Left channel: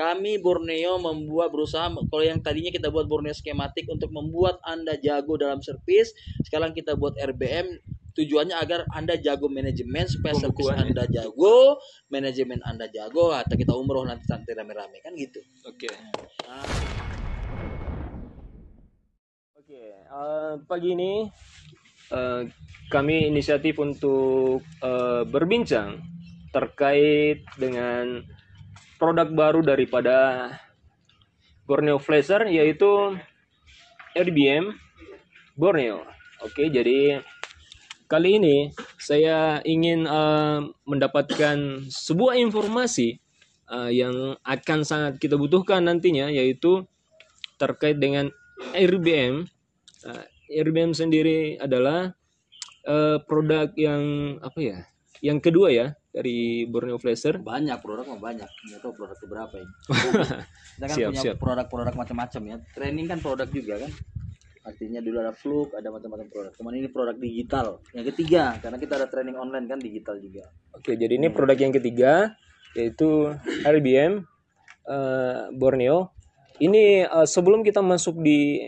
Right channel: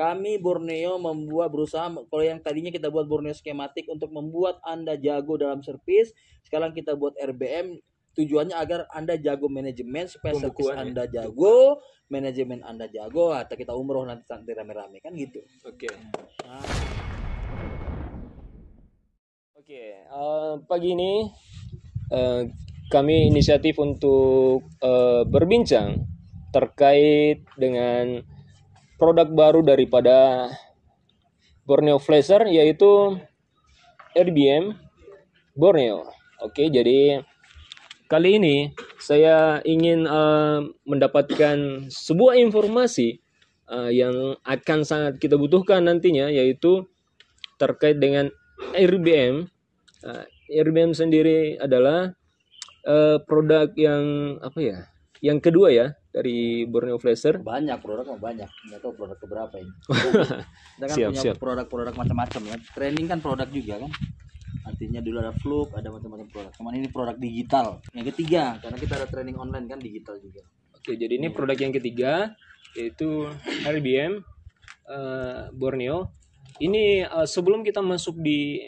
Kami Borneo berusaha, kalau yang tadinya kita buat Borneo skematik untuk membuat Anda jago dalam servis, sekarang kita buat RBM tujuannya agar Anda jago manajemen supaya servis Anda jago, manajemen Anda jago, atau kita umroh nanti rame-rame kan gitu. Oke. Pagi ini kami inisiatif untuk berbincang terkait dengan produk baru daripada Borneo Flasher, yaitu RBM Borneo. Oke, jadi kali ini saya ingin mendapatkan sebuah informasi yang akan sangat kita butuhkan nantinya, yaitu terkait dengan RBM. RBM sendiri adalah produk yang yang kedua ya dari Borneo Flasher. Banyak produk, nggak tahu produk keberapa ini. Kita kan punya produk-produk macam-macam ya. Training kan produk juga kan. Artinya dulu ada Fluk, ada macam-macam produk. Cuman ini produk digital. Yang ketiga, karena kita ada training online kan digital juga. Oke, jadi ini produk yang ketiga, yaitu RBM Borneo. Ini sebelum kita masuk di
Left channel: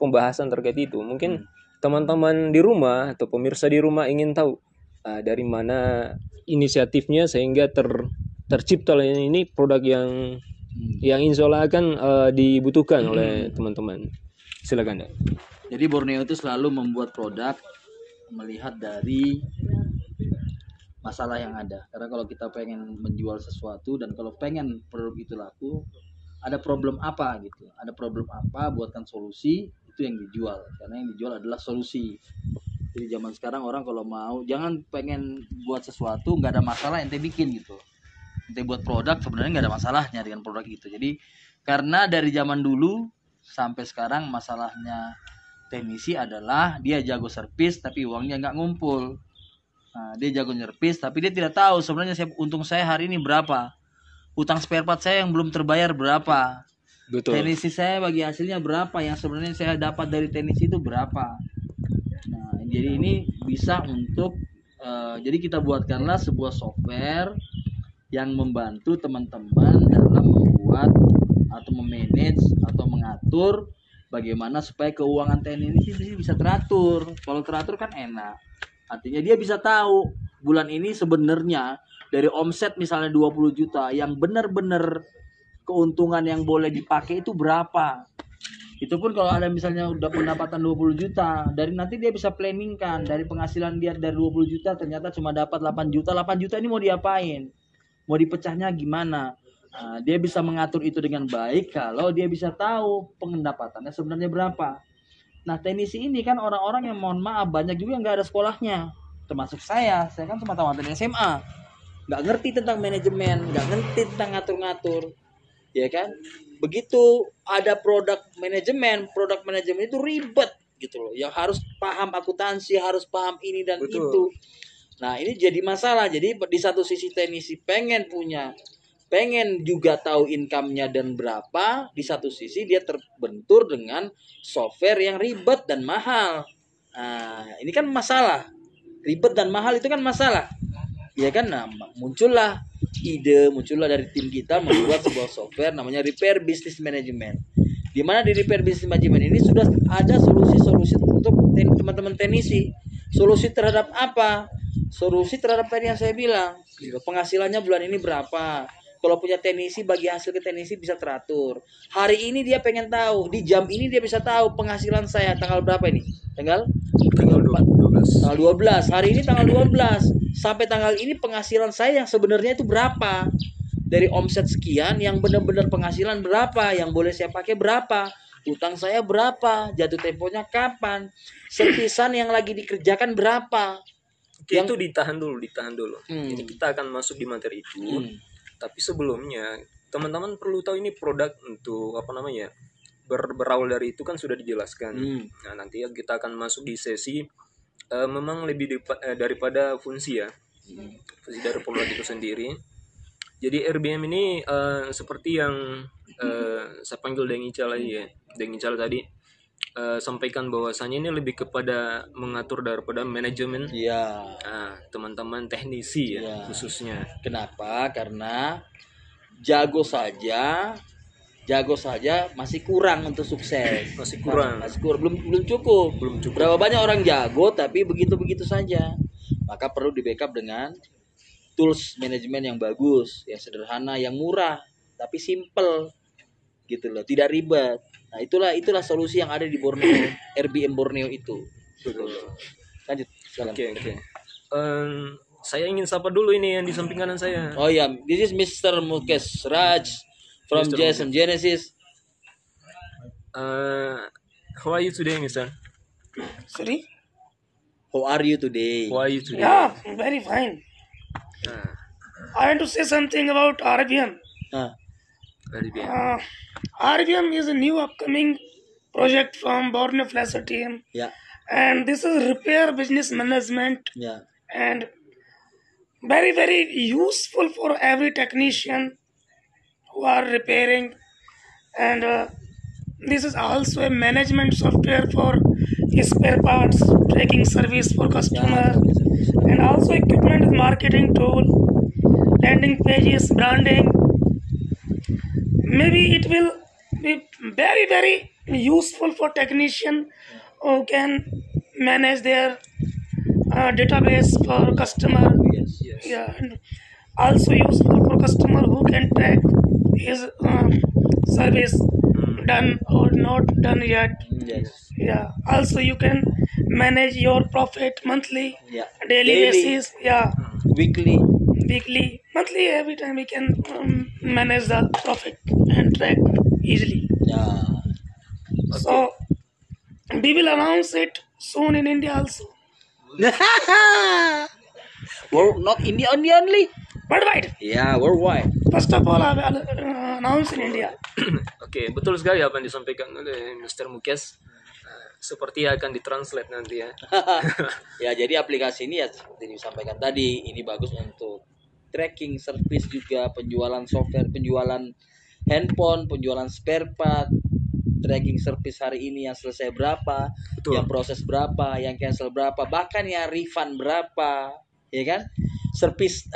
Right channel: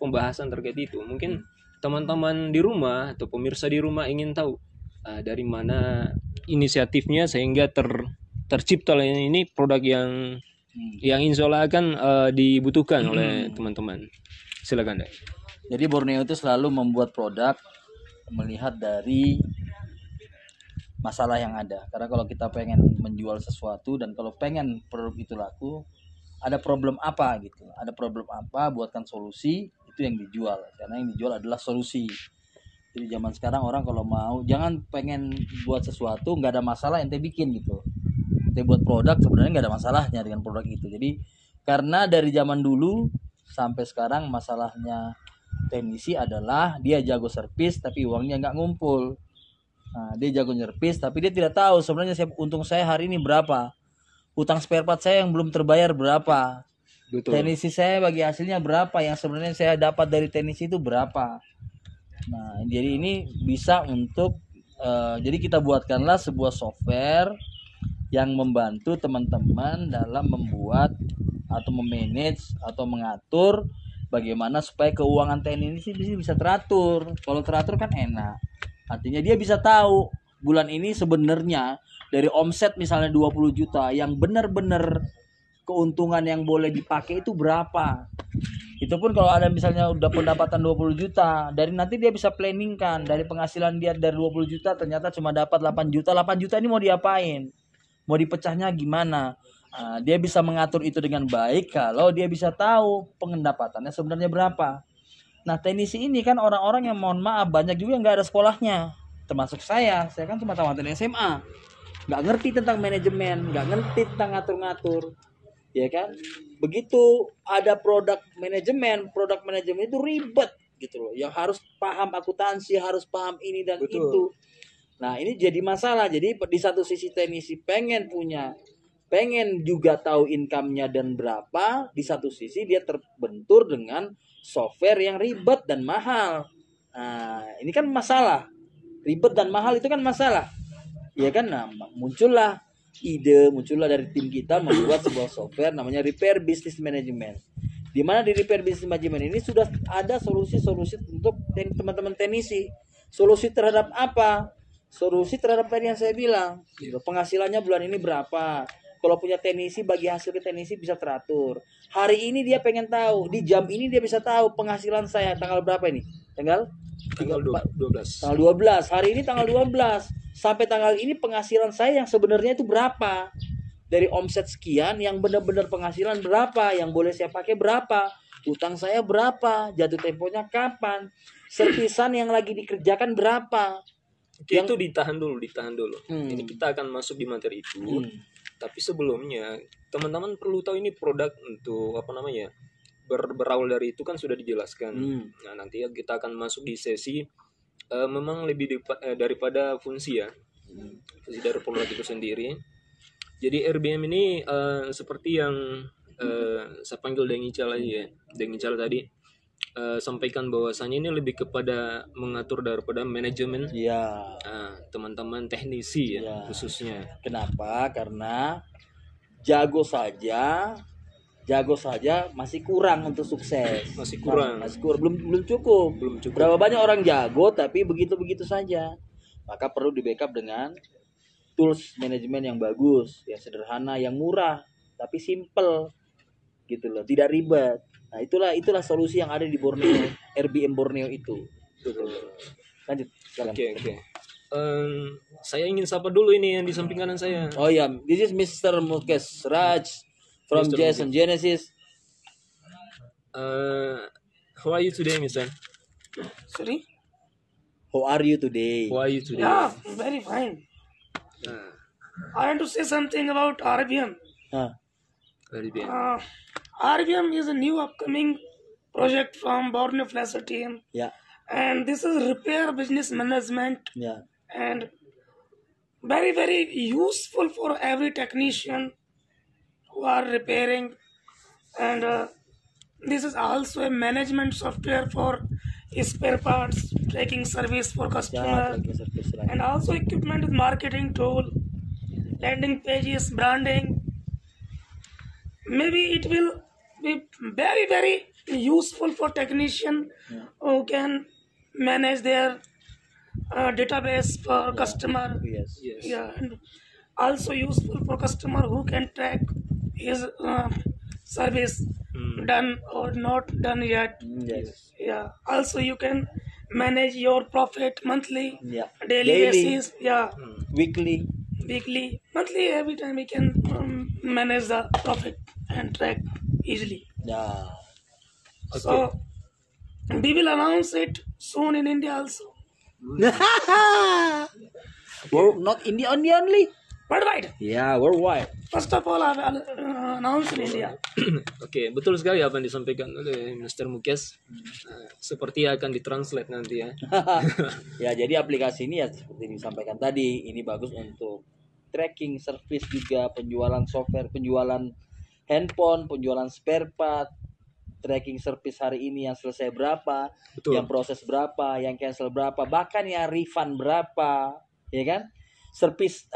pembahasan terkait itu, mungkin teman-teman di rumah atau pemirsa di rumah ingin tahu dari mana inisiatifnya sehingga tercipta ini produk yang insya Allah akan dibutuhkan oleh teman-teman. Silakan deh. Jadi Borneo itu selalu membuat produk melihat dari masalah yang ada. Karena kalau kita pengen menjual sesuatu dan kalau pengen produk itu laku, ada problem apa gitu. Ada problem apa, buatkan solusi, itu yang dijual. Karena yang dijual adalah solusi. Jadi zaman sekarang orang kalau mau, jangan pengen buat sesuatu nggak ada masalah ente bikin gitu. Ente buat produk sebenarnya nggak ada masalahnya dengan produk itu. Jadi karena dari zaman dulu sampai sekarang masalahnya teknisi adalah dia jago servis tapi uangnya nggak ngumpul. Nah, dia jago servis tapi dia tidak tahu sebenarnya untung saya hari ini berapa. Utang spare part saya yang belum terbayar berapa. Betul. Teknisi saya bagi hasilnya berapa, yang sebenarnya saya dapat dari teknisi itu berapa. Nah, jadi ini bisa untuk jadi kita buatkanlah sebuah software yang membantu teman-teman dalam membuat atau memanage atau mengatur bagaimana supaya keuangan teknisi bisa teratur. Kalau teratur kan enak. Artinya dia bisa tahu bulan ini sebenarnya dari omset misalnya 20 juta yang benar-benar keuntungan yang boleh dipakai itu berapa. Itu pun kalau ada misalnya udah pendapatan 20 juta, dari nanti dia bisa planning kan, dari penghasilan dia dari 20 juta ternyata cuma dapat 8 juta. 8 juta ini mau diapain? Mau dipecahnya gimana? Nah, dia bisa mengatur itu dengan baik kalau dia bisa tahu pendapatannya sebenarnya berapa. Nah, teknisi ini kan orang-orang yang mohon maaf banyak juga yang nggak ada sekolahnya. Termasuk saya kan cuma tamatan SMA. Nggak ngerti tentang manajemen, nggak ngerti tentang ngatur-ngatur. Ya kan? Begitu ada produk manajemen itu ribet gitu loh. Yang harus paham akuntansi, harus paham ini dan Betul. Itu. Nah, ini jadi masalah. Jadi di satu sisi teknisi pengen juga tahu income-nya dan berapa, di satu sisi dia terbentur dengan software yang ribet dan mahal. Nah, ini kan masalah. Ribet dan mahal itu kan masalah. Ya kan? Nah, muncullah dari tim kita membuat sebuah software namanya Repair Business Management. Di mana di Repair Business Management ini sudah ada solusi-solusi untuk teman-teman teknisi. Solusi terhadap apa? Solusi terhadap tadi yang saya bilang. Penghasilannya bulan ini berapa? Kalau punya teknisi, bagi hasil ke teknisi bisa teratur. Hari ini dia pengen tahu, di jam ini dia bisa tahu penghasilan saya tanggal berapa ini? Tanggal 12. Tanggal 12. Hari ini tanggal 12. Sampai tanggal ini penghasilan saya yang sebenarnya itu berapa? Dari omset sekian yang benar-benar penghasilan berapa? Yang boleh saya pakai berapa? Utang saya berapa? Jatuh temponya kapan? Servisan yang lagi dikerjakan berapa? Yang itu ditahan dulu. Ini kita akan masuk di materi itu. Tapi sebelumnya teman-teman perlu tahu ini produk untuk berawal dari itu kan sudah dijelaskan. Nah, nanti kita akan masuk di sesi memang lebih daripada fungsi ya. Fungsi dari produk itu sendiri. Jadi RBM ini seperti yang saya panggil Deng Ical tadi sampaikan bahwasannya ini lebih kepada mengatur daripada manajemen. Iya. Teman-teman teknisi ya khususnya. Kenapa? Karena jago saja masih kurang untuk sukses. Masih kurang. Belum cukup. Berapa banyak orang jago tapi begitu saja. Maka perlu di backup dengan tools manajemen yang bagus, yang sederhana, yang murah tapi simple gitu loh, tidak ribet. Nah, itulah solusi yang ada di Borneo, RBM Borneo itu. Betul. Lanjut. Oke. Saya ingin sapa dulu ini yang di samping kanan saya. Oh ya, this is Mr. Mukesh Raj from Mr. Jason Genesis. How are you today, Mister? Sorry? How are you today? Yeah, very fine. I want to say something about RBM. Very good. RBM is a new upcoming project from Borneo Flasher team. Yeah. And this is repair business management Yeah. and very, very useful for every technician who are repairing. And this is also a management software for spare parts, tracking service for customer, and also equipment marketing tool, landing pages, branding. Maybe it will be very, very useful for technician who can manage their database for customer. Yes. Yeah, and also useful for customer who can track his service done or not done yet. Yes. Yeah. Also, you can manage your profit monthly, Yeah. daily basis. Yeah, Weekly. weekly, monthly. Every time we can manage the profit and track easily. Yeah. So we will announce it soon in India also. Not India only. Worldwide. Yeah, worldwide. First of all, I will announce in India. Oke, betul sekali apa yang disampaikan oleh Mr. Mukesh. Seperti akan ditranslate nanti ya. Ya, jadi aplikasi ini ya seperti disampaikan tadi, ini bagus untuk tracking service juga, penjualan software, penjualan handphone, penjualan spare part, tracking service hari ini yang selesai berapa, Betul. yang proses berapa, yang cancel berapa, bahkan ya refund berapa, ya kan? Service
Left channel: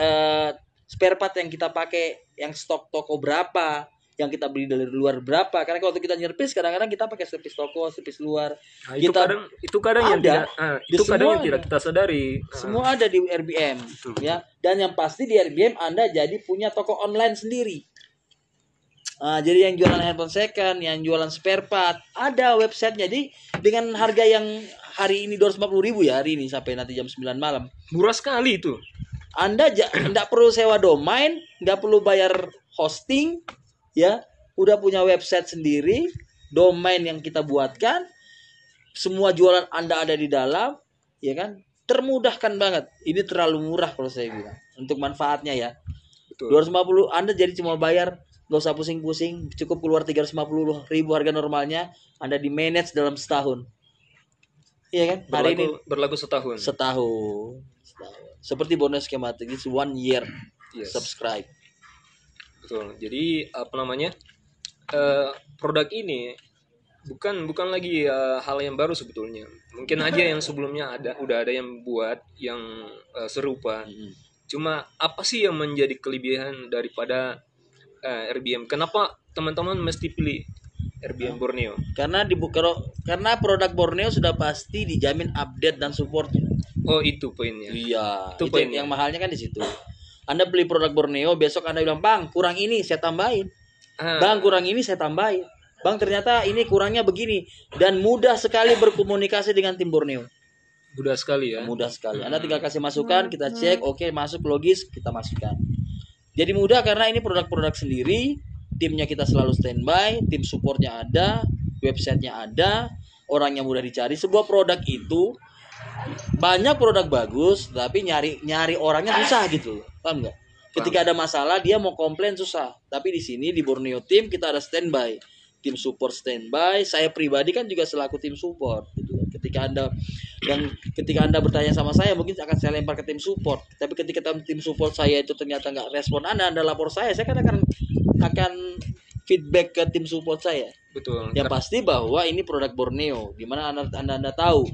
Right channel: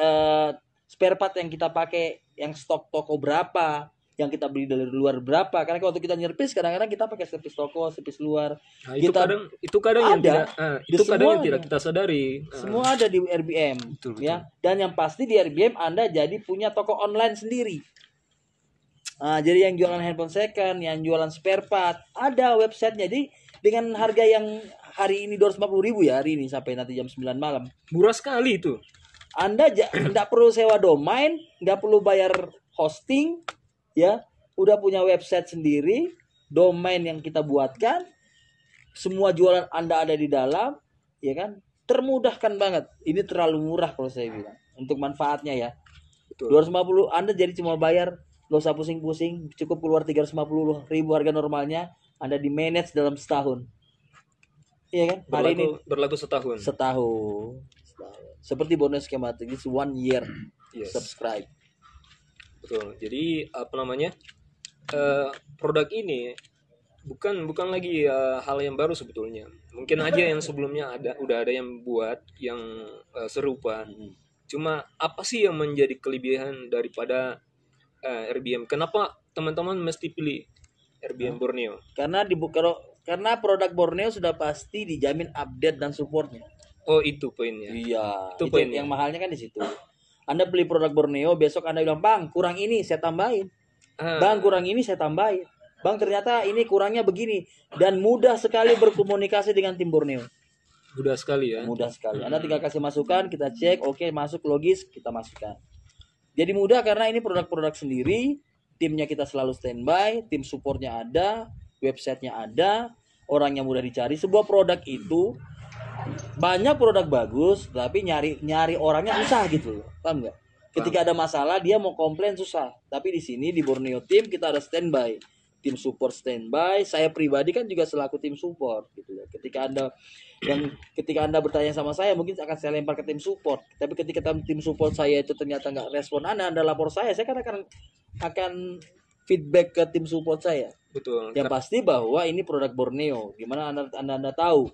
spare part yang kita pakai, yang stok toko berapa, yang kita beli dari luar berapa. Karena kalau kita nyerpis kadang-kadang kita pakai service toko, service luar. Nah, itu kadang yang ada. tidak kita sadari. Semua ada di RBM, Betul. ya. Dan yang pasti di RBM Anda jadi punya toko online sendiri. Jadi yang jualan handphone second, yang jualan spare part, ada websitenya. Jadi dengan harga yang hari ini 250.000 ya, hari ini sampai nanti jam 9 malam. Murah sekali itu. Anda nggak perlu sewa domain, nggak perlu bayar hosting, ya. Udah punya website sendiri, domain yang kita buatkan, semua jualan Anda ada di dalam, ya kan? Termudahkan banget. Ini terlalu murah kalau saya bilang untuk manfaatnya ya. Betul. 250 Anda jadi cuma bayar, nggak usah pusing-pusing, cukup keluar 350.000 harga normalnya, Anda di manage dalam setahun. Iya kan? Hari ini berlaku setahun. setahun. Seperti bonus skematik itu 1 year. Yes. Subscribe. Betul. Jadi apa namanya? Produk ini bukan lagi hal yang baru sebetulnya. Mungkin aja yang sebelumnya udah ada yang buat yang serupa. Cuma apa sih yang menjadi kelebihan daripada RBM? Kenapa teman-teman mesti pilih RBM Borneo? Karena karena produk Borneo sudah pasti dijamin update dan supportnya. Oh, itu poinnya. Iya, Itu itu poinnya. yang mahalnya kan di situ. Anda beli produk Borneo, besok Anda bilang, "Bang, kurang ini, saya tambahin." "Bang, kurang ini, saya tambahin." "Bang, ternyata ini kurangnya begini." Dan mudah sekali berkomunikasi dengan tim Borneo. Mudah sekali ya. Mudah sekali. Anda tinggal kasih masukan, kita cek, oke, masuk logis, kita masukkan. Jadi mudah karena ini produk-produk sendiri, timnya kita selalu standby, tim supportnya ada, websitenya ada, orangnya mudah dicari. Sebuah produk itu banyak produk bagus, tapi nyari orangnya susah gitu, paham nggak? Ketika ada masalah dia mau komplain susah. Tapi di sini di Borneo Team kita ada standby, tim support standby. Saya pribadi kan juga selaku tim support gitu. Ketika anda bertanya sama saya, mungkin akan saya lempar ke tim support. Tapi ketika tim support saya itu ternyata nggak respon anda lapor saya kan akan feedback ke tim support saya. Betul. Yang pasti bahwa ini produk Borneo. Gimana anda tahu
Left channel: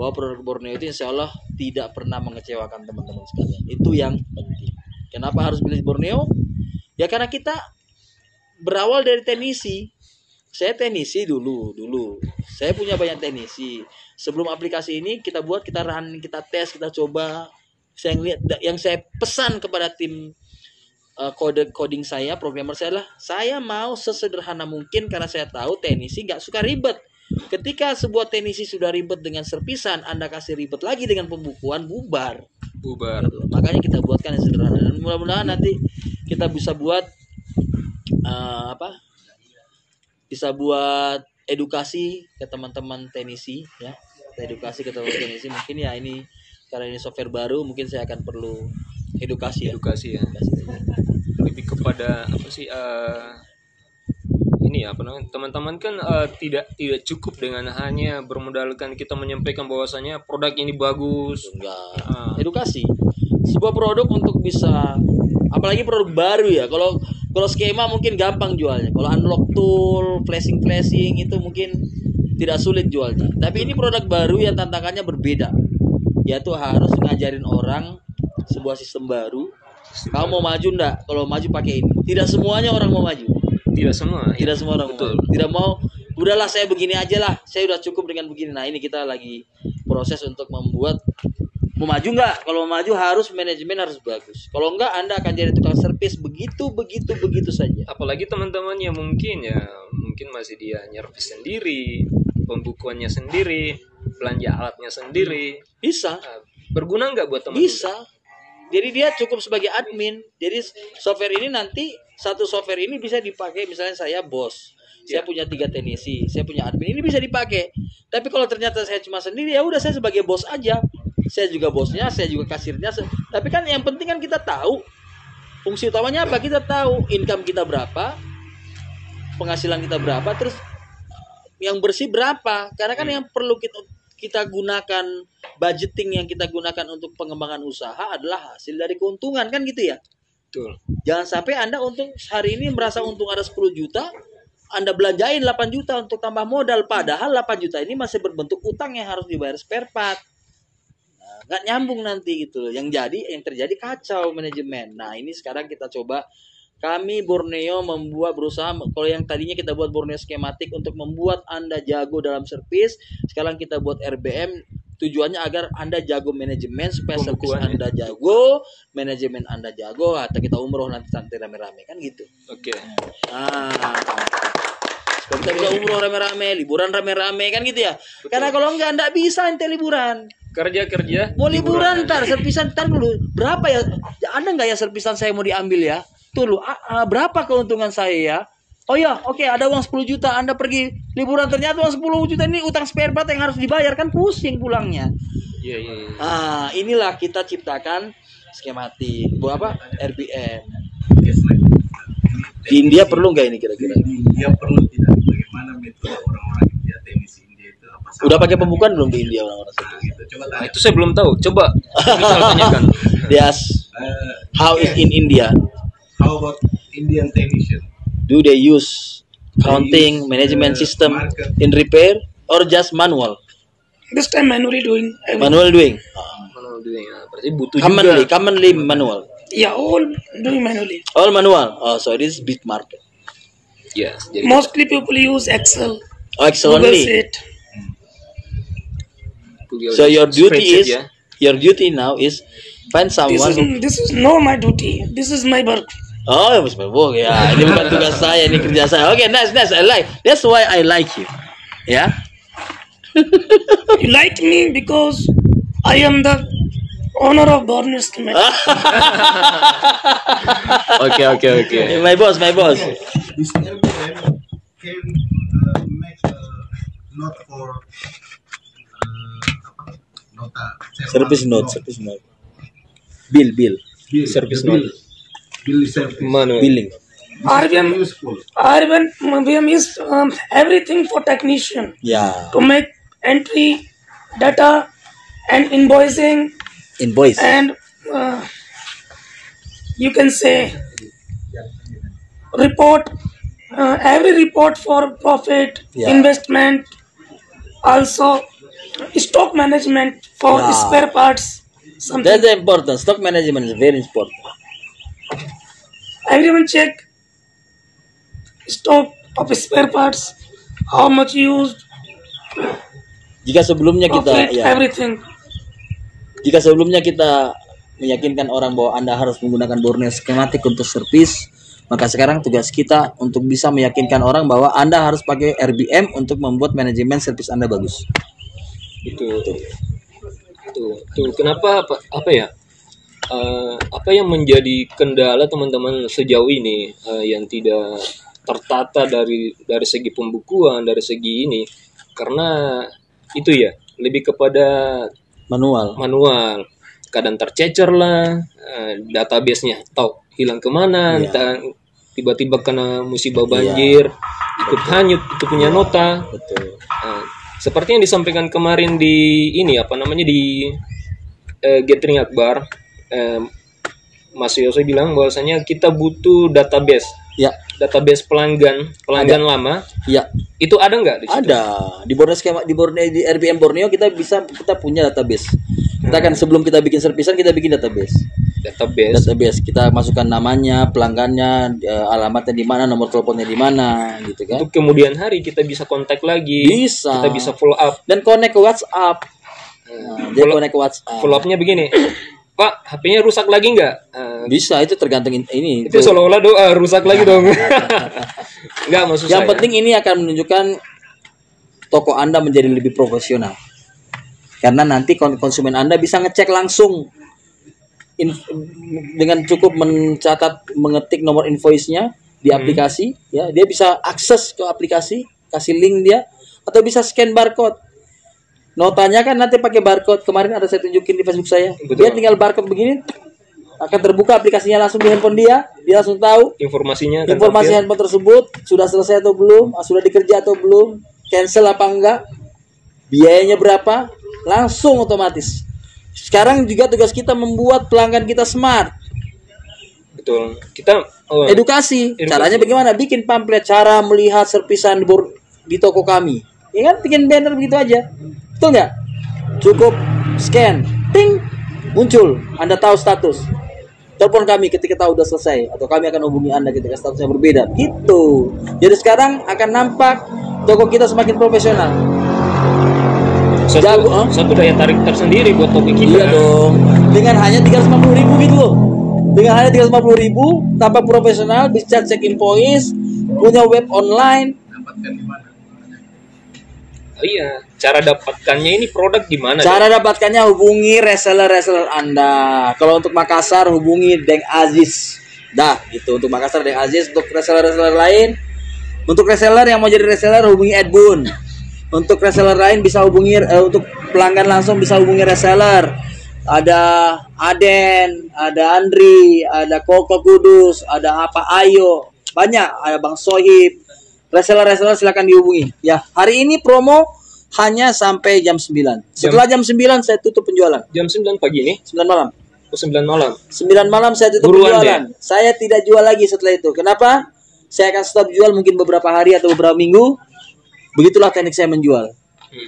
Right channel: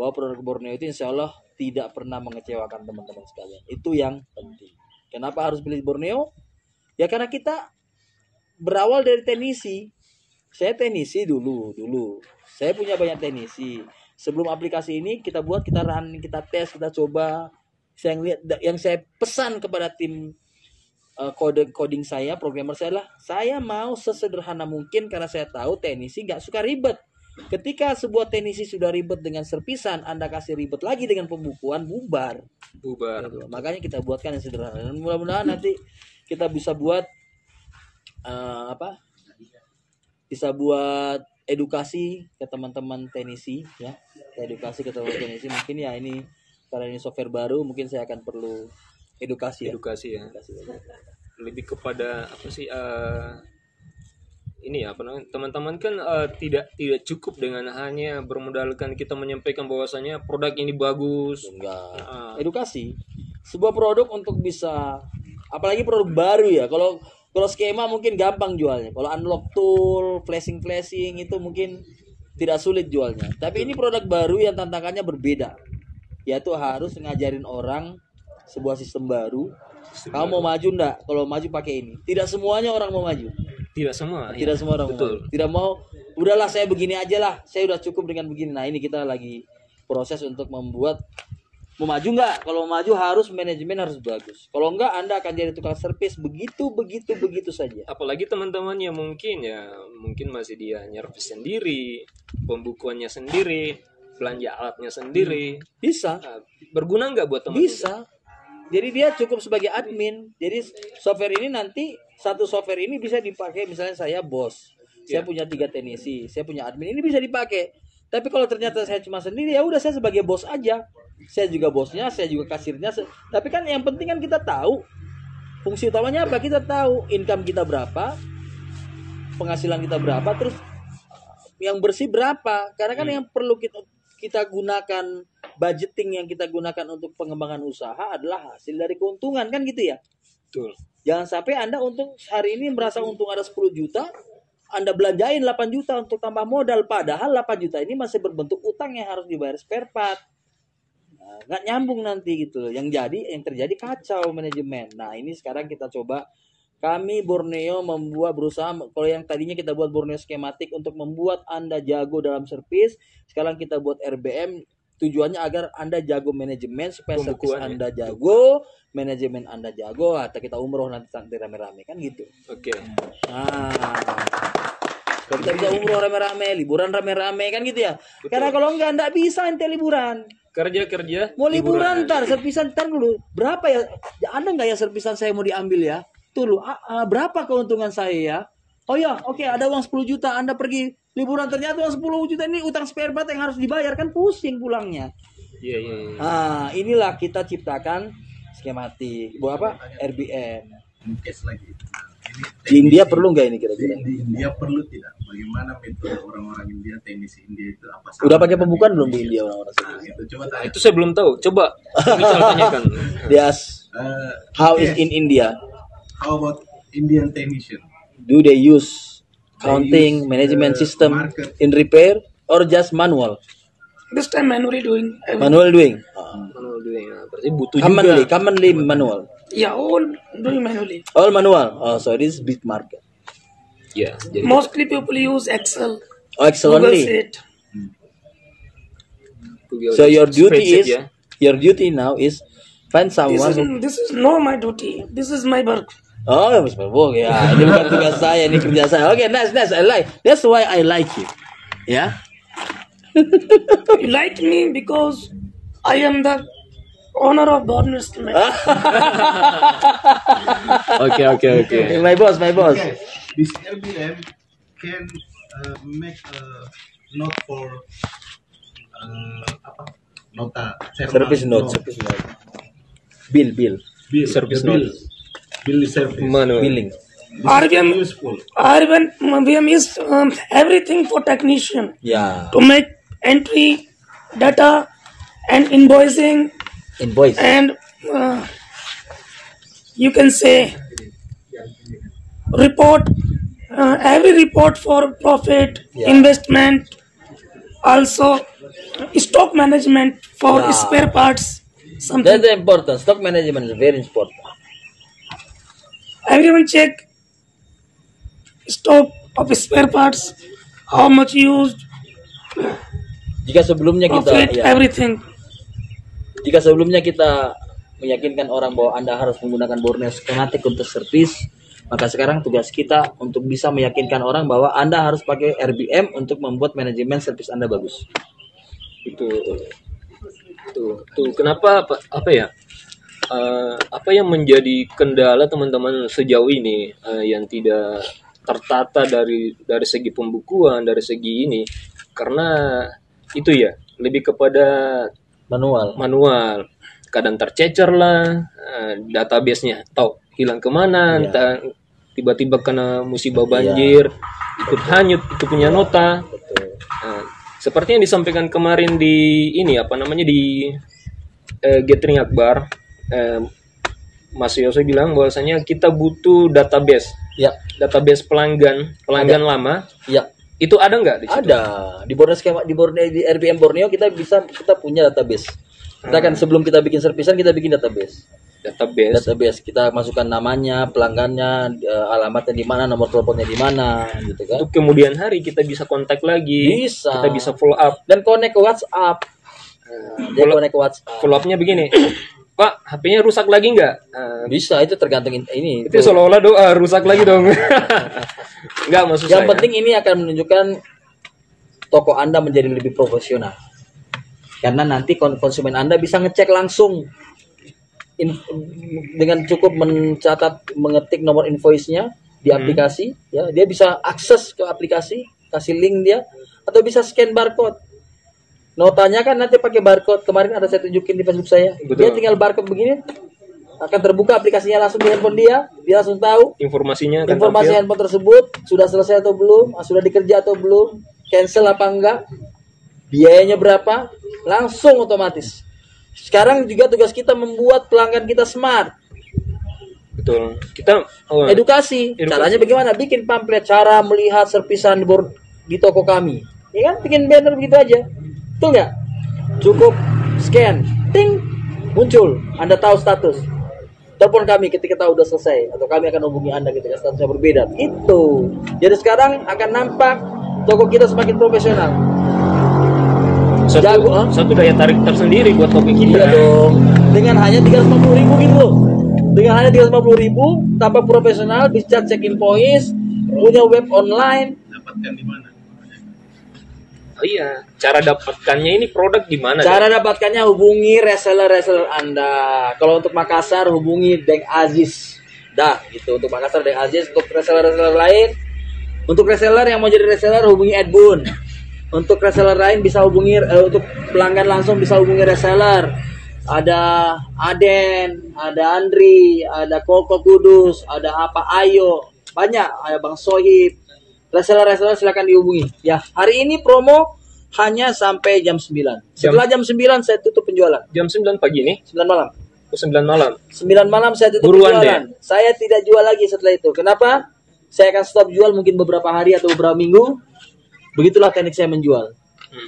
bahwa produk Borneo itu insya Allah tidak pernah mengecewakan teman-teman sekalian. Itu yang penting. Kenapa harus pilih Borneo? Ya karena kita berawal dari teknisi. Saya teknisi dulu. Saya punya banyak teknisi. Sebelum aplikasi ini kita buat, kita run, kita tes, kita coba. Saya lihat, yang saya pesan kepada tim coding saya, programmer saya adalah saya mau sesederhana mungkin karena saya tahu teknisi nggak suka ribet. Ketika sebuah teknisi sudah ribet dengan servisan, Anda kasih ribet lagi dengan pembukuan, bubar. Gitu. Makanya kita buatkan yang sederhana dan mudah-mudahan nanti kita bisa buat bisa buat edukasi ke teman-teman teknisi ya. Edukasi ke teman-teman teknisi mungkin ya ini karena ini software baru mungkin saya akan perlu edukasi ya. Lebih kepada apa sih ini apa namanya, teman-teman kan tidak cukup dengan hanya bermodalkan kita menyampaikan bahwasanya produk ini bagus. Enggak. Edukasi. Sebuah produk untuk bisa, apalagi produk baru ya. Kalau skema mungkin gampang jualnya. Kalau unlock tool, flashing itu mungkin tidak sulit jualnya. Tapi ini produk baru yang tantangannya berbeda. Yaitu harus ngajarin orang sebuah sistem baru. Kamu mau maju enggak? Kalau maju pakai ini. Tidak semuanya orang mau maju. Tidak semua orang betul. Tidak mau, udahlah saya begini aja lah, saya udah cukup dengan begini. Nah ini kita lagi proses untuk membuat, mau maju nggak? Kalau mau maju harus manajemen harus bagus. Kalau enggak Anda akan jadi tukang servis begitu saja. Apalagi teman-teman yang mungkin masih dia nyervis sendiri, pembukuannya sendiri, belanja alatnya sendiri. Bisa. Berguna nggak buat teman-teman? Bisa. Jadi dia cukup sebagai admin. Jadi software ini nanti, satu software ini bisa dipakai, misalnya saya bos, saya punya 3 teknisi, saya punya admin, ini bisa dipakai. Tapi kalau ternyata saya cuma sendiri, ya udah saya sebagai bos aja. Saya juga bosnya, saya juga kasirnya. Tapi kan yang penting kan kita tahu fungsi utamanya apa, kita tahu income kita berapa, penghasilan kita berapa, terus yang bersih berapa. Karena kan yang perlu kita gunakan, budgeting yang kita gunakan untuk pengembangan usaha adalah hasil dari keuntungan, kan gitu ya. Betul. Jangan sampai Anda untung hari ini merasa untung ada 10 juta, Anda belanjain 8 juta untuk tambah modal, padahal 8 juta ini masih berbentuk utang yang harus dibayar spare part. Nah, nggak nyambung nanti gitu loh. Yang terjadi kacau manajemen. Nah, ini sekarang kita coba, kami Borneo berusaha, kalau yang tadinya kita buat Borneo skematik untuk membuat Anda jago dalam servis, sekarang kita buat RBM, tujuannya agar Anda jago manajemen, supaya servis Anda jago, manajemen Anda jago, atau kita umroh nanti rame-rame kan gitu. Oke. Supaya kita bisa umroh rame-rame, liburan rame-rame kan gitu ya. Betul. Karena kalau enggak bisa ente liburan. Kerja. Mau liburan ntar, servisan ntar dulu. Berapa ya? Ada nggak ya servisan saya mau diambil ya? Tuh lu, berapa keuntungan saya ya? Oh ya, oke, ada uang 10 juta, Anda pergi liburan, ternyata uang 10 juta ini utang spare part yang harus dibayar, kan pusing pulangnya. Iya. Inilah kita ciptakan skematik. Buat apa? RBM. Di India perlu nggak ini kira-kira? Di India perlu tidak? Bagaimana metode orang-orang India, teknisi India itu apa? Udah pakai pembukuan belum di India orang-orang? Coba tanya. Itu saya belum tahu. Coba kita tanyakan. Yes. How is in India? How about Indian technician? Do they use counting management system in repair or just manual? This time manually doing everything. Manual doing. Berarti butuh juga. Commonly manual. Yeah, all doing manually. All manual. Oh, so it is big market. Yeah. Mostly people use Excel. Excel Google only. Sheet. So your duty now is find someone. This is not my duty. This is my work. Oh, ya, ini bukan tugas saya, ini kerja saya. Okay, nice. I like. That's why I like you. Yeah. You like me because I am the owner of Borneo Schematic. Okay. My boss. This RBM can make a note for nota service note. Bill. Service note. Billing. RBM is everything for technician. Yeah. To make entry, data, and invoicing. And you can say report. Every report for profit, investment, also stock management for spare parts. That's important. Stock management is very important. Everyone check stock of spare parts, how much used, Jika sebelumnya kita profit, ya, everything. jika sebelumnya kita meyakinkan orang bahwa Anda harus menggunakan Borneo skematik untuk servis, maka sekarang tugas kita untuk bisa meyakinkan orang bahwa Anda harus pakai RBM untuk membuat manajemen servis Anda bagus. Itu tuh kenapa apa ya, apa yang menjadi kendala teman-teman sejauh ini yang tidak tertata dari segi pembukuan, dari segi ini, karena itu ya lebih kepada manual, kadang tercecer lah, database-nya tahu hilang kemana, entah tiba-tiba kena musibah banjir, ikut hanyut itu punya nota. Betul. Seperti yang disampaikan kemarin di ini apa namanya di Gathering Akbar, Mas Yose bilang bahwasanya kita butuh database. Ya, Database pelanggan lama. ya. Itu ada nggak di situ? Ada di Borneo skema di RBM Borneo kita punya database. Kita kan sebelum kita bikin servisan kita bikin database. Database kita masukkan namanya, pelanggannya, alamatnya di mana, nomor teleponnya di mana, gitu kan. Untuk kemudian hari kita bisa kontak lagi, Bisa. kita bisa follow up. Dan connect ke WhatsApp. Dia connect ke WhatsApp. Follow up-nya begini, Pak, HP-nya rusak lagi nggak? Bisa, itu tergantung ini. Itu seolah-olah doa rusak lagi dong. Nggak, maksud Yang saya. penting ini akan menunjukkan toko Anda menjadi lebih profesional. Karena nanti konsumen Anda bisa ngecek langsung dengan cukup mengetik nomor invoice-nya di aplikasi, ya, dia bisa akses ke aplikasi, kasih link dia, atau bisa scan barcode. Notanya kan nanti pakai barcode. Kemarin ada saya tunjukin di Facebook saya. Betul. Dia tinggal barcode begini, akan terbuka aplikasinya langsung di handphone dia langsung tahu Informasinya akan informasi tampil. handphone tersebut sudah selesai atau belum, sudah dikerja atau belum, cancel apa enggak, biayanya berapa, langsung otomatis. Sekarang juga tugas kita membuat pelanggan kita smart. Betul. Kita Edukasi. Caranya bagaimana? Bikin pamflet cara melihat servisan di toko kami. Ya kan, bikin banner begitu aja. Betul nggak? Cukup scan, ting, muncul. Anda tahu status. Telepon kami ketika tahu udah selesai, atau kami akan hubungi Anda ketika statusnya berbeda. Gitu. Jadi sekarang akan nampak toko kita semakin profesional. satu daya tarik tersendiri buat toko kita. Iya dong. Dengan hanya 350.000 gitu loh. Dengan hanya 350.000 tanpa profesional, bisa check invoice, punya web online. Dapatkan di mana? Oh iya, cara dapatkannya ini produk di mana? Cara dapatkannya hubungi reseller Anda. Kalau untuk Makassar hubungi Deng Aziz. Dah, gitu untuk Makassar Deng Aziz. Untuk reseller lain, untuk reseller yang mau jadi reseller hubungi Edbun. Untuk reseller lain bisa hubungi untuk pelanggan langsung bisa hubungi reseller. Ada Aden, ada Andri, ada Koko Kudus, ada apa Ayo, banyak, ada Bang Sohib. Reseller silakan dihubungi. Ya, hari ini promo hanya sampai jam 9. Setelah jam 9 saya tutup penjualan. Jam 9 pagi nih? 9 malam. 9 malam. 9 malam saya tutup Buruan penjualan. Saya tidak jual lagi setelah itu. Kenapa? Saya akan stop jual mungkin beberapa hari atau beberapa minggu. Begitulah teknik saya menjual.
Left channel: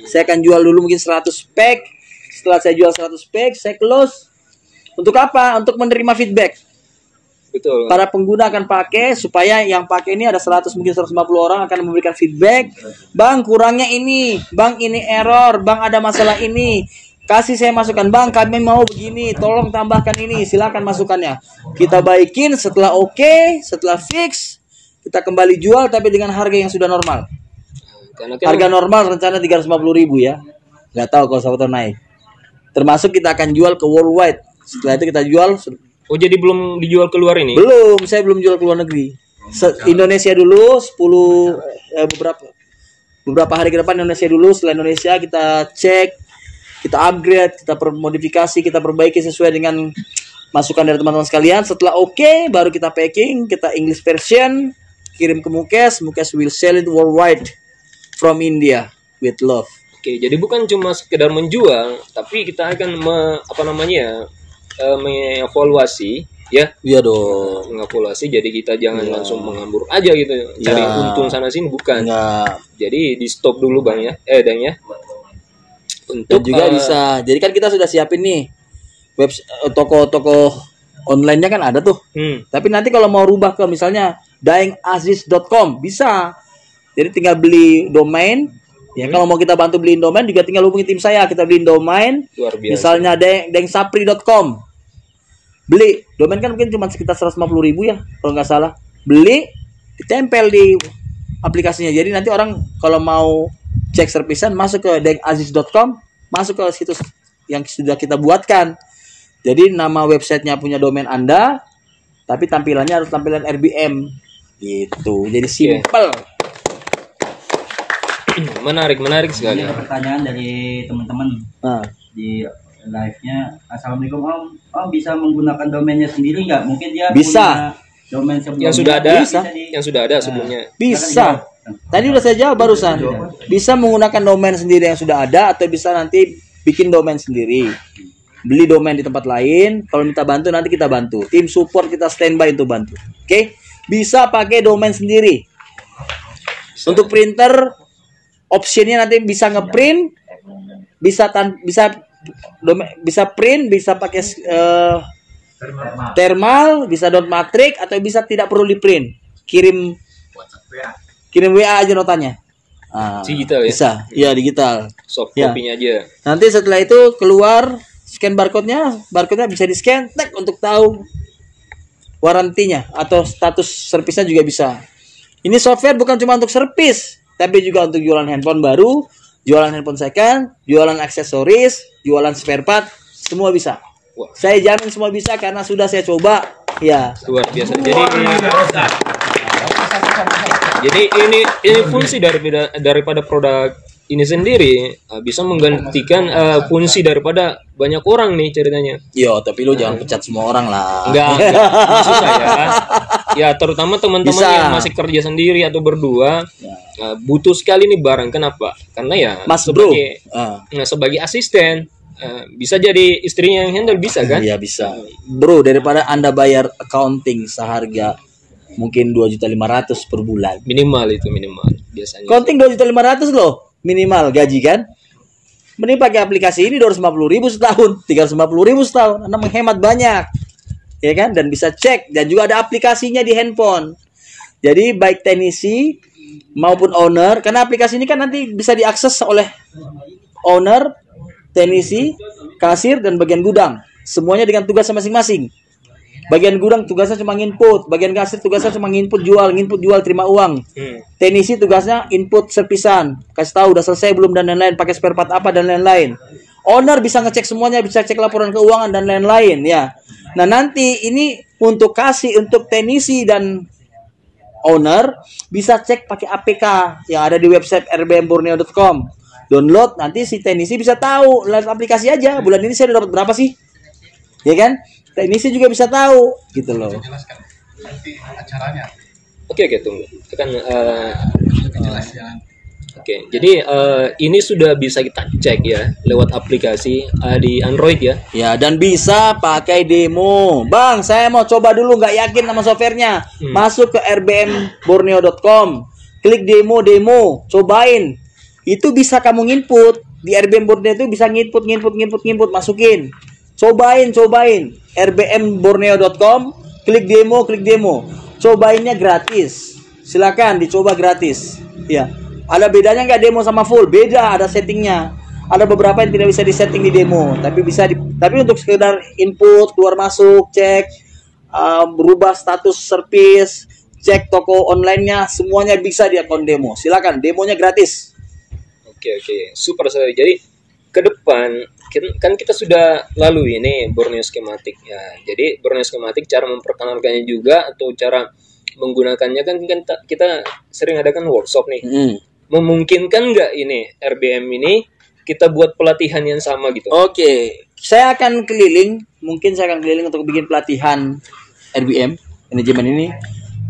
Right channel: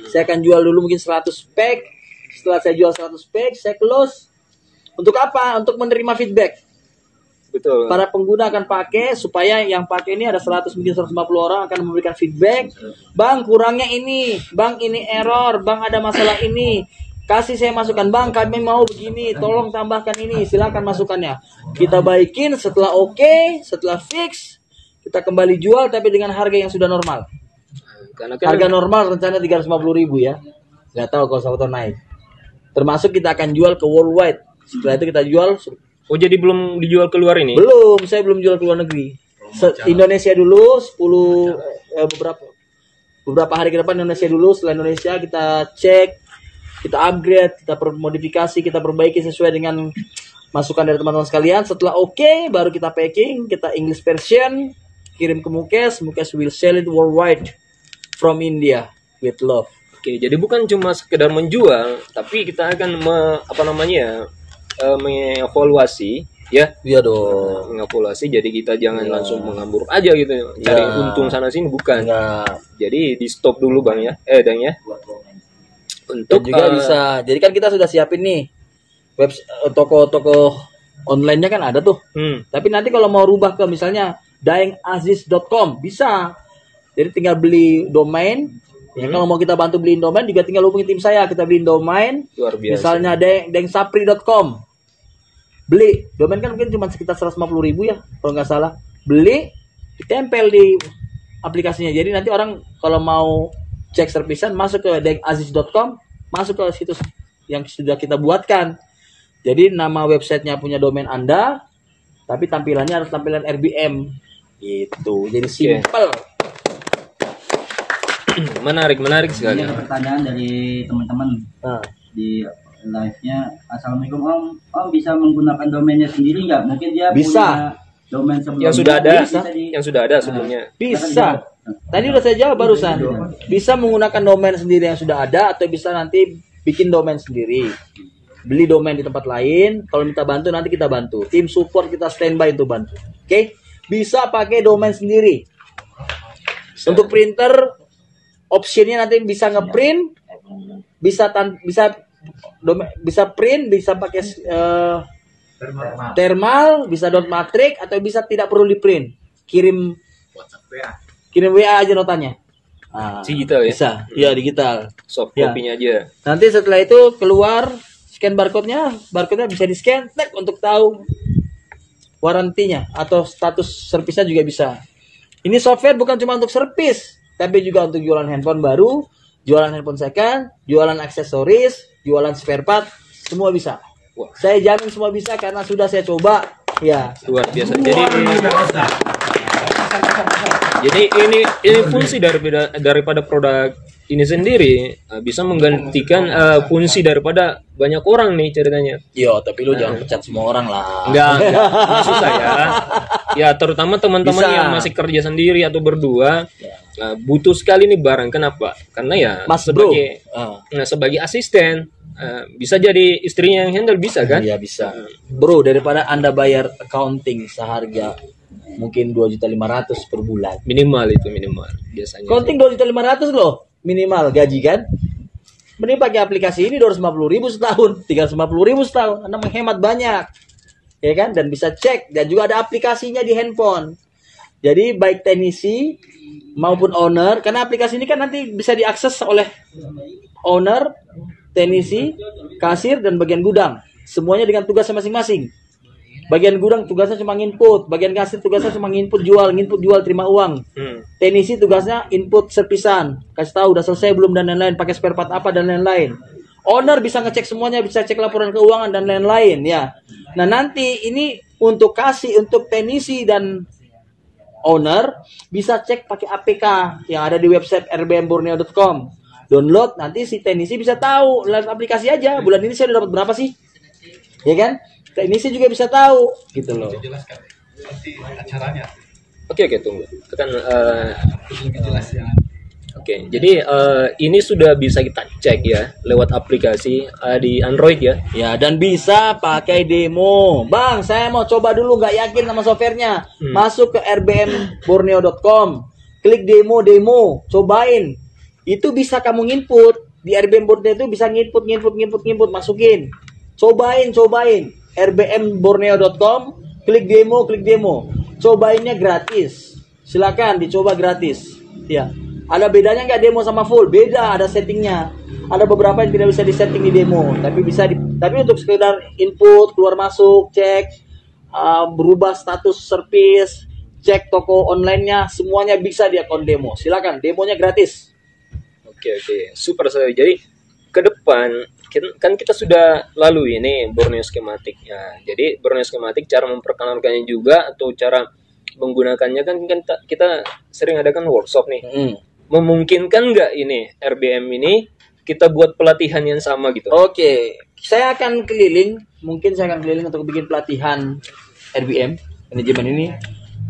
Saya akan jual dulu mungkin 100 pack. Setelah saya jual 100 pack, saya close. Untuk apa? Untuk menerima feedback. Betul. Para pengguna akan pakai supaya yang pakai ini ada 100 mungkin 150 orang akan memberikan feedback. Bang, kurangnya ini. Bang, ini error. Bang, ada masalah ini. Kasih saya masukan. Bang, kami mau begini. Tolong tambahkan ini. Silakan masukannya. Kita baikin setelah oke, setelah fix, kita kembali jual tapi dengan harga yang sudah normal. Karena kan Harga normal rencana 350.000 ya. Nggak tahu kalau sampai naik. Termasuk kita akan jual ke worldwide. Setelah itu kita jual. oh jadi belum dijual keluar ini? Belum, saya belum jual ke luar negeri. Indonesia dulu 10 beberapa hari ke depan Indonesia dulu. Setelah Indonesia kita cek, kita upgrade, kita modifikasi, kita perbaiki sesuai dengan masukan dari teman-teman sekalian. Setelah oke, baru kita packing, kita English version, kirim ke Mukes. Mukes will sell it worldwide from India with love. Oke, jadi bukan cuma sekedar menjual, tapi kita akan mengevaluasi ya. Iya dong. Mengevaluasi, jadi kita jangan langsung mengambur aja gitu, cari untung sana sini, bukan. Enggak. Jadi di stop dulu Bang ya, Dang ya. Dan juga bisa. Jadi kan kita sudah siapin nih toko-toko online-nya kan ada tuh. Hmm. Tapi nanti kalau mau rubah ke misalnya daengaziz.com bisa. Jadi tinggal beli domain. Ya, kalau mau kita bantu beliin domain juga tinggal hubungi tim saya, kita beliin domain. Luar biasa. Misalnya dengsapri.com. Beli domain kan mungkin cuma sekitar 150.000 ya kalau nggak salah. Beli, ditempel di aplikasinya. Jadi nanti orang kalau mau cek servisan masuk ke dengsapri.com, masuk ke situs yang sudah kita buatkan. Jadi nama websitenya punya domain Anda, tapi tampilannya harus tampilan RBM gitu. Jadi simple. Menarik sekali. Ini ada pertanyaan dari teman-teman Nah, di live-nya. Assalamualaikum Om bisa menggunakan domainnya sendiri nggak? Mungkin dia Bisa. punya domain sebelumnya. Yang sudah ada, Bisa. yang sudah ada sebelumnya. bisa. Tadi udah saya jawab barusan. Bisa menggunakan domain sendiri yang sudah ada atau bisa nanti bikin domain sendiri. Beli domain di tempat lain, kalau minta bantu nanti kita bantu. Tim support kita standby untuk bantu. Oke? Bisa pakai domain sendiri. Untuk printer optionnya nanti bisa ngeprint, bisa print, bisa pakai thermal, bisa dot matrix atau bisa tidak perlu di print. Kirim WA aja notanya. Digital ya? Bisa, ya digital. Soft Ya. copy-nya aja. Nanti setelah itu keluar scan barcode-nya bisa di scan tag untuk tahu warantinya atau status servisnya juga bisa. Ini software bukan cuma untuk servis, tapi juga untuk jualan handphone baru, jualan handphone second, jualan aksesoris, jualan spare part, semua bisa. Wah. Saya jamin semua bisa karena sudah saya coba. Ya. Luar biasa. Jadi ini fungsi daripada produk ini sendiri bisa menggantikan fungsi daripada banyak orang nih ceritanya. Yo, tapi lu jangan pecat semua orang lah. Enggak. Maksud saya, ya terutama teman-teman Bisa. yang masih kerja sendiri atau berdua, butuh sekali nih barang. Kenapa? Karena ya Mas bro. sebagai asisten, bisa jadi istrinya yang handle, bisa kan? Iya bisa. Bro, daripada Anda bayar accounting seharga mungkin 2.500.000 per bulan. Minimal biasanya. Accounting 2.500.000 loh minimal gaji kan. Mending pakai aplikasi ini 250.000 setahun, 350.000 setahun. Anda menghemat banyak. Ya kan? Dan bisa cek dan juga ada aplikasinya di handphone. Jadi baik teknisi maupun owner, karena aplikasi ini kan nanti bisa diakses oleh owner, teknisi, kasir dan bagian gudang. Semuanya dengan tugas masing-masing. Bagian gudang tugasnya cuma input, bagian kasir tugasnya cuma input jual terima uang. Teknisi tugasnya input servisan, kasih tahu udah selesai belum dan lain-lain, pakai spare part apa dan lain-lain. Owner bisa ngecek semuanya, bisa cek laporan keuangan dan lain-lain ya. Nah, nanti ini untuk teknisi dan owner bisa cek pakai APK yang ada di website rbmborneo.com. Download, nanti si teknisi bisa tahu lewat aplikasi aja bulan ini saya udah dapat berapa sih, ya kan? Teknisi juga bisa tahu gitu loh. Jelaskan nanti acaranya. Oke, tunggu. Oke, jadi ini sudah bisa kita cek ya lewat aplikasi di Android ya. Ya, dan bisa pakai demo. Bang, saya mau coba dulu, nggak yakin sama softwarenya. Masuk ke rbmborneo.com, klik demo, cobain. Itu bisa kamu nginput di RBM Borneo, itu bisa nginput, masukin. Cobain. rbmborneo.com, klik demo. Cobainnya gratis. Silakan dicoba gratis. Ya. Ada bedanya nggak demo sama full? Beda, ada settingnya. Ada beberapa yang tidak bisa disetting di demo, tapi untuk sekedar input, keluar masuk, cek, berubah status service, cek toko online-nya, semuanya bisa di akun demo. Silakan, demonya gratis. Oke, super sekali. Jadi ke depan kan kita sudah lalui ini Borneo Schematic ya. Jadi Borneo Schematic cara memperkenalkannya juga atau cara menggunakannya kan kita sering adakan workshop nih. Memungkinkan nggak ini RBM ini kita buat pelatihan yang sama gitu? Oke, saya akan keliling untuk bikin pelatihan RBM manajemen ini.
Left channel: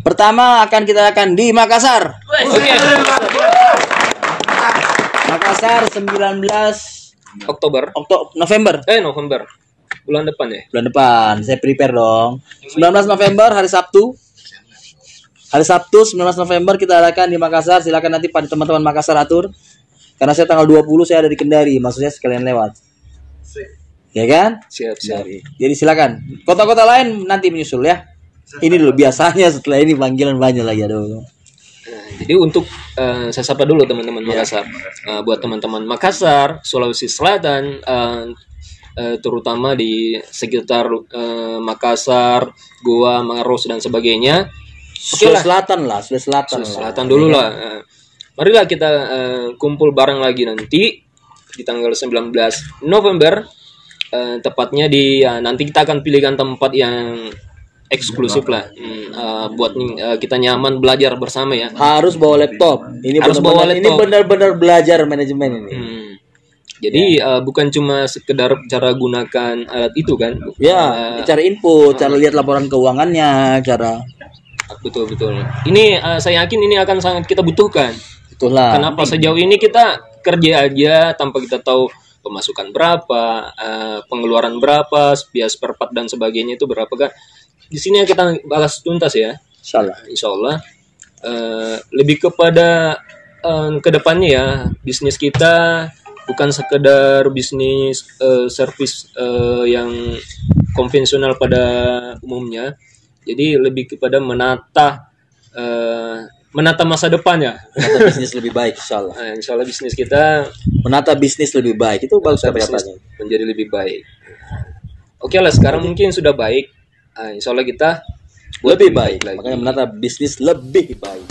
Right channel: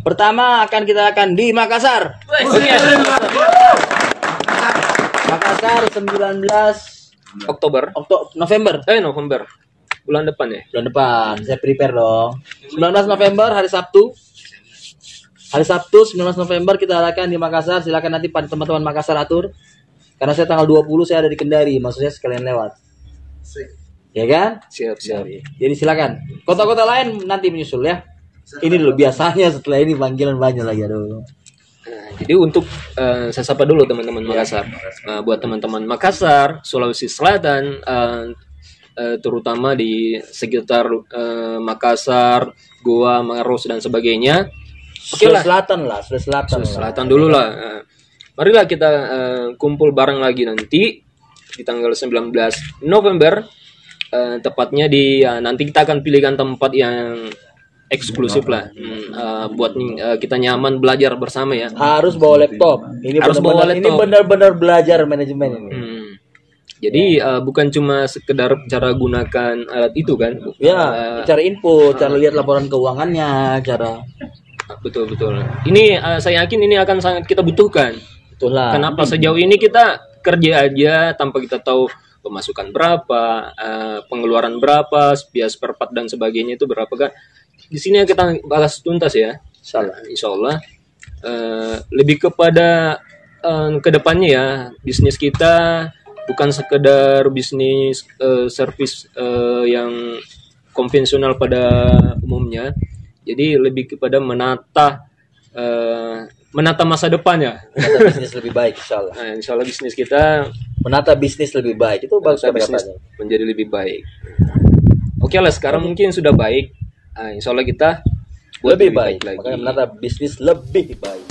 Pertama kita akan di Makassar. Oke. Makassar 19 November. November. Bulan depan ya? Bulan depan, saya prepare dong. 19 November hari Sabtu 19 November kita adakan di Makassar. Silakan nanti pada teman-teman Makassar atur. Karena saya tanggal 20 saya ada di Kendari, maksudnya sekalian lewat. ya kan? Siap. Jadi silakan. Kota-kota lain nanti menyusul ya. Ini dulu biasanya, setelah ini panggilan banyak lagi, aduh. Nah, jadi untuk saya sapa dulu teman-teman Makassar. Buat teman-teman Makassar, Sulawesi Selatan, terutama di sekitar Makassar, Goa, Maros dan sebagainya. Oke lah. Sulawesi Selatan Dulu lah. Marilah kita kumpul bareng lagi nanti di tanggal 19 November. Tepatnya di nanti kita akan pilihkan tempat yang eksklusif lah, buat kita nyaman belajar bersama ya. Harus bawa laptop. Ini benar-benar belajar manajemen ini. Jadi bukan cuma sekedar cara gunakan alat itu kan? Ya, cara input, cara lihat laporan keuangannya, cara. Betul. Ini saya yakin ini akan sangat kita butuhkan. Itulah. Kenapa sejauh ini kita kerja aja tanpa kita tahu pemasukan berapa, pengeluaran berapa, biaya spare part dan sebagainya itu berapa kan? Di sini kita bahas tuntas ya. Insya Allah. Lebih kepada kedepannya ya, bisnis kita bukan sekedar bisnis servis yang konvensional pada umumnya. Jadi lebih kepada menata masa depan ya. Menata bisnis lebih baik, insya Allah. Insya Allah bisnis kita menata bisnis lebih baik itu bagus, bisnis menjadi lebih baik. Oke lah, sekarang mungkin sudah baik. Insya Allah kita buat lebih baik lagi. Makanya menata bisnis lebih baik.